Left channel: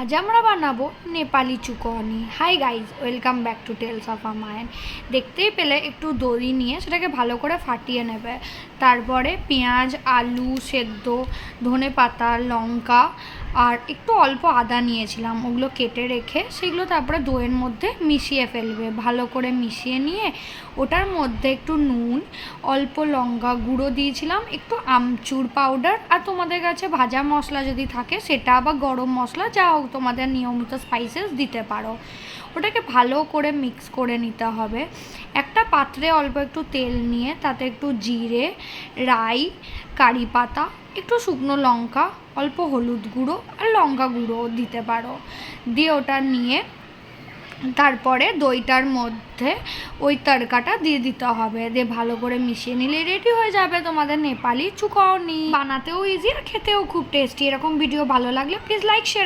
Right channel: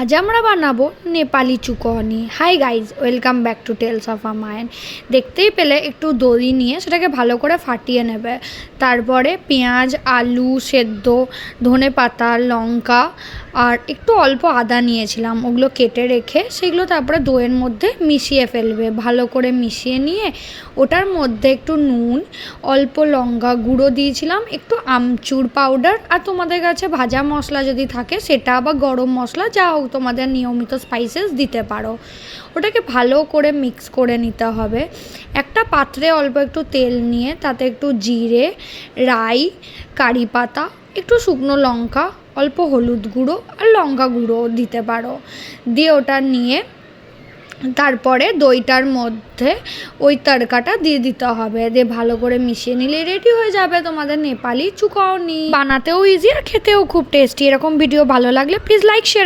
আজ আমরা বানাবো নেপালি চুকনি। Hi guys, welcome back to tales of a mind. দেখতেই পেলে একটু দই নিয়ে সেটাকে ভালো করে ফাটিয়ে নেবে। তারপরে পেঁয়াজ, আলু সেদ্ধ, ধনে পাতা, লঙ্কা আর একটু অল্প আদা নিয়েছিলাম, ওগুলো কেটে রেখে সেগুলো তারপরে দইয়ের মধ্যে মিশিয়ে ফেলবে। ভালো করে মিশিয়ে নিয়ে ওটার মধ্যে একটু নুন, অল্প লঙ্কা গুঁড়ো দিয়েছিলাম, একটু আমচুর পাউডার, আর তোমাদের কাছে ভাজা মশলা যদি থাকে সেটা বা গরম মশলা যা হোক তোমাদের নিয়মিত স্পাইসেস দিতে পারো। ওটাকে ভালো করে মিক্স করে নিতে হবে। একটা পাত্রে অল্প একটু তেল নিয়ে তাতে একটু জিরে, রাই, কারি পাতা, একটু শুকনো লঙ্কা, অল্প হলুদ গুঁড়ো আর লঙ্কা গুঁড়ো দিতে পারো। দিয়ে ওটা নিয়ে তারপরে দইটার মধ্যে ওই তড়কাটা দিয়ে দিতে হবে। দিয়ে ভালো করে মিশিয়ে নিলে রেডি হয়ে যাবে তোমাদের নেপালি চুকনি। বানাতেও ইজি আর খেতেও খুব টেস্টি। এরকম ভিডিও ভালো লাগলে প্লিজ লাইক শেয়ার